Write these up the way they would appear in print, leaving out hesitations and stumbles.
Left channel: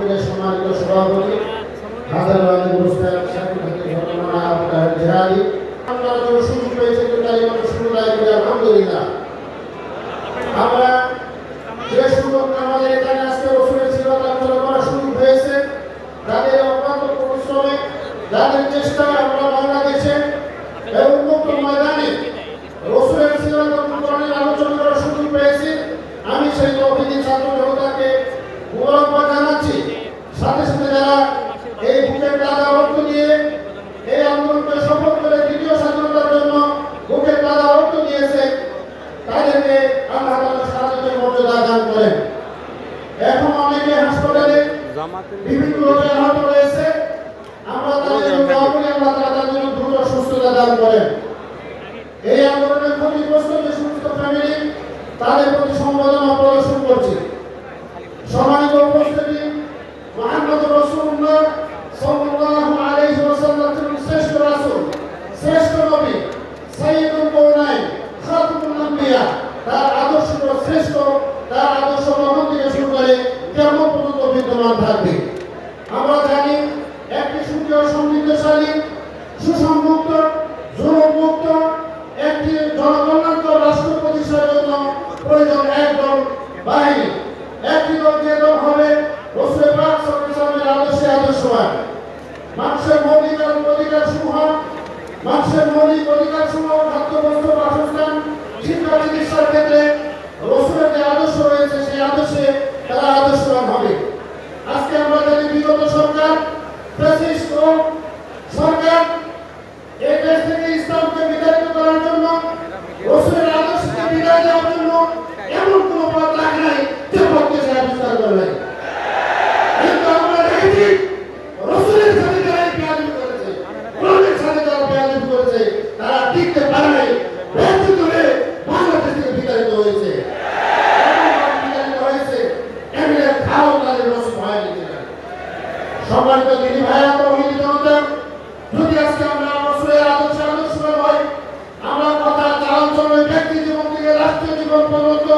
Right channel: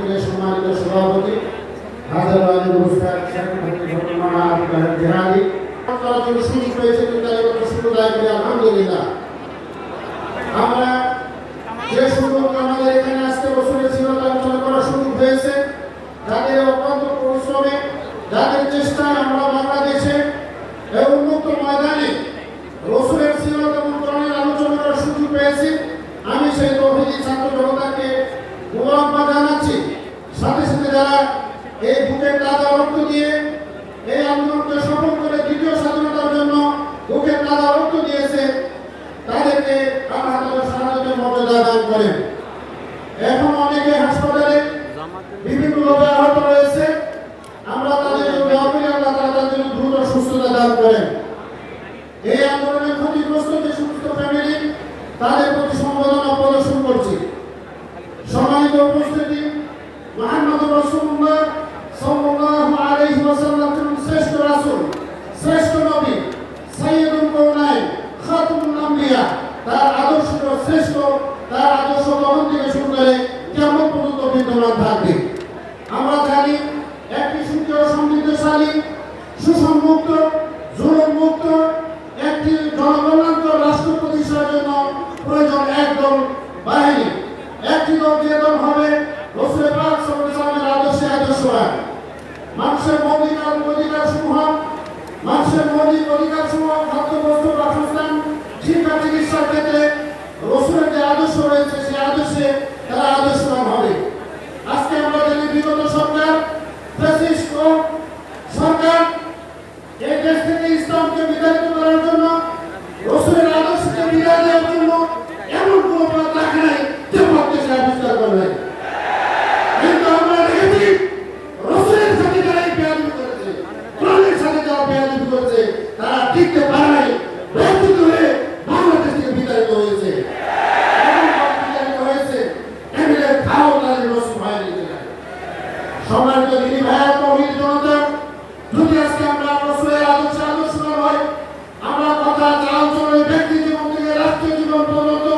মাহফিলের সম্মানিত সভাপতি হাজার হাজার পুরস্কার সুযোগ পেয়েছে আলহামদুলিল্লাহ। আমরা যে সুযোগ আমাদের এখানে আসতে রসুলের সিরাত আলোচনা করার সুযোগ হয়েছে, তাদের অত্যন্ত পরিশ্রমে, যাদের চেষ্টা আমরা বাংলাদেশে এই উন্মুক্ত ময়দানে রসুলের সিরাত এবং কোরআনের আলোচনা করার সুযোগ পেয়েছি। আমি সেই তৌহিদি ছাত্র জনতাকে মুবারকবাদ জানাচ্ছি। সাথে সাথে যারা এই বুকের তাজা রক্ত দিয়ে এই আন্দোলনকে সফল করে দ্বিতীয় স্বাধীনতার জন্য বুকের তাজা রক্ত দিয়েছে, তাদেরকে আল্লাহ তাআলা শাহাদাতের মর্যাদা দান করেন। এখন অনেকে হাসপাতালে বিভিন্নভাবে আহত রয়েছে, আমরা তাদের জন্য দোয়া করি, আল্লাহ তাআলা তাদের জন্য দ্রুত সুস্থতা দান করেন। এই আন্দোলনের ক্ষতিগ্রস্ত যে সমস্ত ফ্যামিলি, তাদের প্রতি সমবেদনা প্রদর্শন করছি। সম্মানিত উপস্থিতি, মুহাম্মদুর রাসূলুল্লাহ সাল্লাল্লাহু আলাইহি ওয়াসাল্লাম শ্রেষ্ঠ রাসূল, শ্রেষ্ঠ নবী, সাইয়্যিদুল কাওনাইন, খাতামুল আম্বিয়া, তার আদর্শ শ্রেষ্ঠ, তার আদর্শ কখন থেকে শুরু করে কিয়ামত পর্যন্ত বিদ্যমান থাকবে। আমরা জানি একটি সুন্দর সমৃদ্ধশালী সুসংযুক্ত জুলুমমুক্ত একটি জনকল্যাণকর রাষ্ট্র প্রতিষ্ঠার জন্য প্রয়োজন একদল বাহিনী। একটি দল, যে দল হবে রাসূল পাক সাল্লাল্লাহু আলাইহি ওয়াসাল্লামের আদর্শে আদর্শবান। মানুষের মৌলিক অধিকারসমূহ খাদ্য, বস্ত্র, বাসস্থান, শিক্ষা, চিকিৎসার ক্ষেত্রে রাসূলের যে আদর্শ রয়েছে, সেই আদর্শে তারা আদর্শবান হবে। আজকে আমরা দেখি বিগত সরকার, ফ্যাসিস্ট সরকার এই দেশ থেকে ইসলামকে বিতাড়িত করার জন্য, রাসূলের আদর্শকে বিদায় দেওয়ার জন্য এমন কোনো পথ রাখে নাই যে পথকে সে আবিষ্কার করবে। কিন্তু আমরা দেখেছি রাসূলের সাথে যারা বেয়াদবি করেছে, কোরআনের সাথে যারা বেয়াদবি করেছে, তারা টিকতে পারে নাই, ব্যর্থ হয়ে বাংলাদেশ থেকে বিতাড়িত হয়েছে। সম্মানিত দিনী ভাইয়া, তৌহিদি জনতা, যদি আজকে আমরা রাসূলের আদর্শ হয়, আমরা কথা আলোচনায় ব্যক্তি জীবন থেকে রাষ্ট্রীয় জীবন পর্যন্ত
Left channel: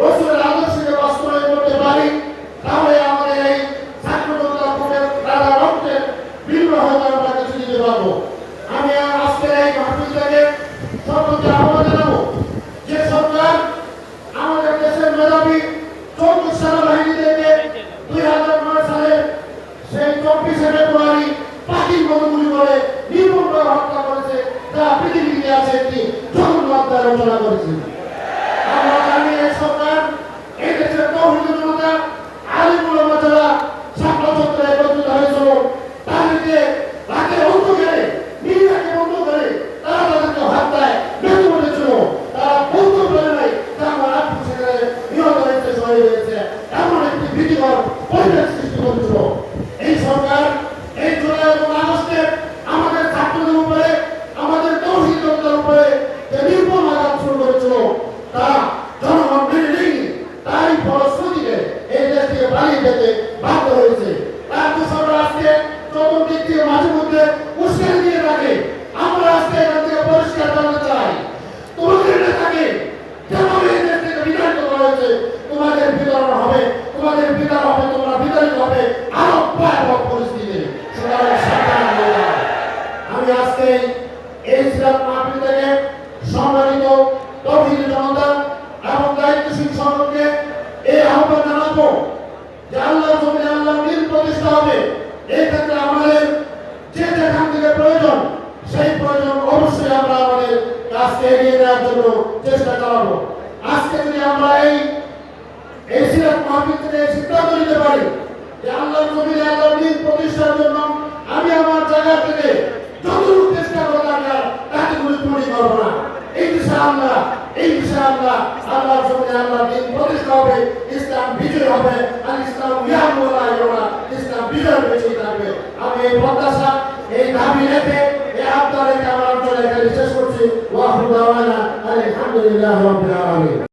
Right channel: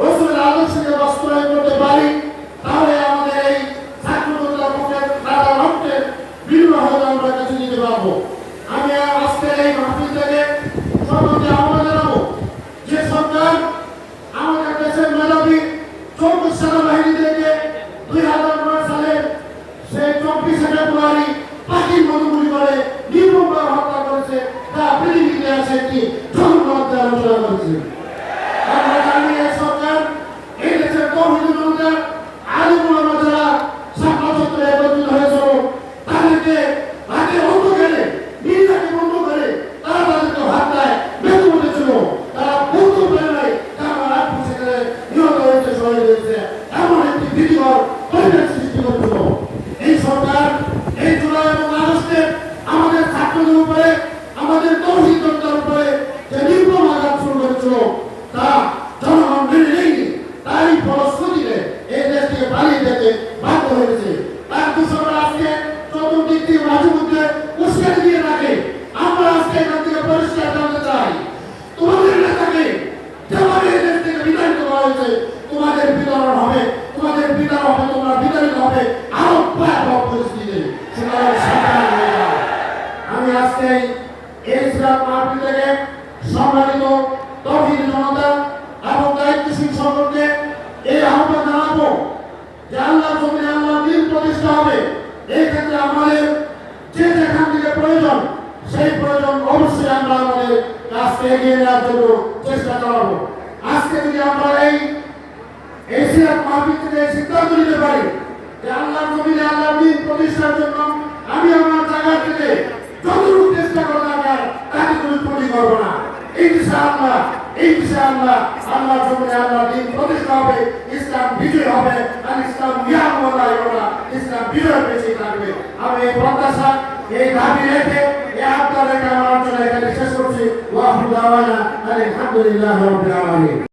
রাসূলের আদর্শকে বাস্তবায়ন করতে পারি, তাহলে আমাদের এই ছাত্রতা বুকের তাজা রক্তের বিনিময় হয়তো আমরা কিছু দিতে পারবো। আমি আজকে এই মাহফিল থেকে সর্বদা আহ্বান জানাবো, যে সরকার আমাদের দেশের মেধাবী 24 সেনাবাহিনীদেরকে 2009 সালে সেই 24 ফেব্রুয়ারি পাখির মতো গুলি করে নির্মমভাবে হত্যা করেছে, যা পৃথিবীর ইতিহাসে একটি জঘন্য রচনা করেছে। আমরা জানি এই সরকার এই দেশের তৌহিদি জনতা, আলিম ওলামা যারা ছাত্র ছাত্রী একত্রিত হয়েছিল, তাদেরকে রাতে অন্ধকারে নিরাকে বন্ধ করে তারা তাদেরকে হত্যায় বেঁধে বলেছিল। তারা বলতে পারে নাই যে আমার আপনি সেখানে নিহত হয়েছে, শহীদ হয়েছে, এমন একটি ভীতিকর পরিবেশ সৃষ্টি করেছিল। এই সরকার এই জুলাই এবং আগস্টে আমাদের ছাত্রদের উপরে, আমাদের তৌহিদ জনতার উপরে যে নির্মম আঘাত শুরু করেছিল, তা জনগণ মেনে নেয়নি। তাই ফলশ্রুতিতে এই দেশ থেকে পালিয়ে যেতে বাধ্য হয়েছে। রাজ্য সরকার আজকে চতুর্দিক থেকে মাঝে মধ্যে উস্কানি দিয়ে থাকে। আমরা আজকে এখান থেকে পরিষ্কার জানতে চাই, তোমাদের নেতাকে যেভাবে এই দেশ থেকে বিতাড়িত করা হয়েছে, তোমাদের বিতরণ হবে, তোমাদের বিতরণ হবে, তোমরা বিতাড়িত হবে আরো ভয়াবহ পরিস্থিতিতে। সুতরাং সাবধান হয়ে যাও। আমি আজকে এই সিরাত মাহফিল থেকে সম্মানিত তৌহিদি জনতা এবং দায়িত্বশীল সকলকে এই আহ্বান জানাবো যে আল্লাহর জমিনে আল্লাহর দ্বীন প্রতিষ্ঠা হবে। এই ক্ষেত্রে আমাদের যে যেখান থেকে প্রয়োজন, সেই প্রয়োজন অবশ্যই আমরা আমাদের কাজকে এগিয়ে নেওয়ার জন্য চেষ্টা চালাবো। আজকে যদি আমরা এই সিরাত মাহফিল থেকে সিদ্ধান্ত নিতে পারি যে আল্লাহর জমিনে আল্লাহর দ্বীন প্রতিষ্ঠার জন্য আমি আমার জায়গা থেকে যতটুকু চেষ্টা করলাম তাতে কোনো ত্রুটি করবো না, ইনশাআল্লাহ আল্লাহর জমিনে আল্লাহর দ্বীন প্রতিষ্ঠা হবে, ইসলাম বিজয় হবে, আর ইসলাম ইসলাম বিজয় বেঁচে থাকবে। আমি এই প্রত্যাশা, এই দাবি রেখে এই আত্মা রেখে আমার অঞ্চলে এখানে শেষ করছি। ওয়া আখিরু দাওয়ানা আলহামদুলিল্লাহি রাব্বিল আলামিন।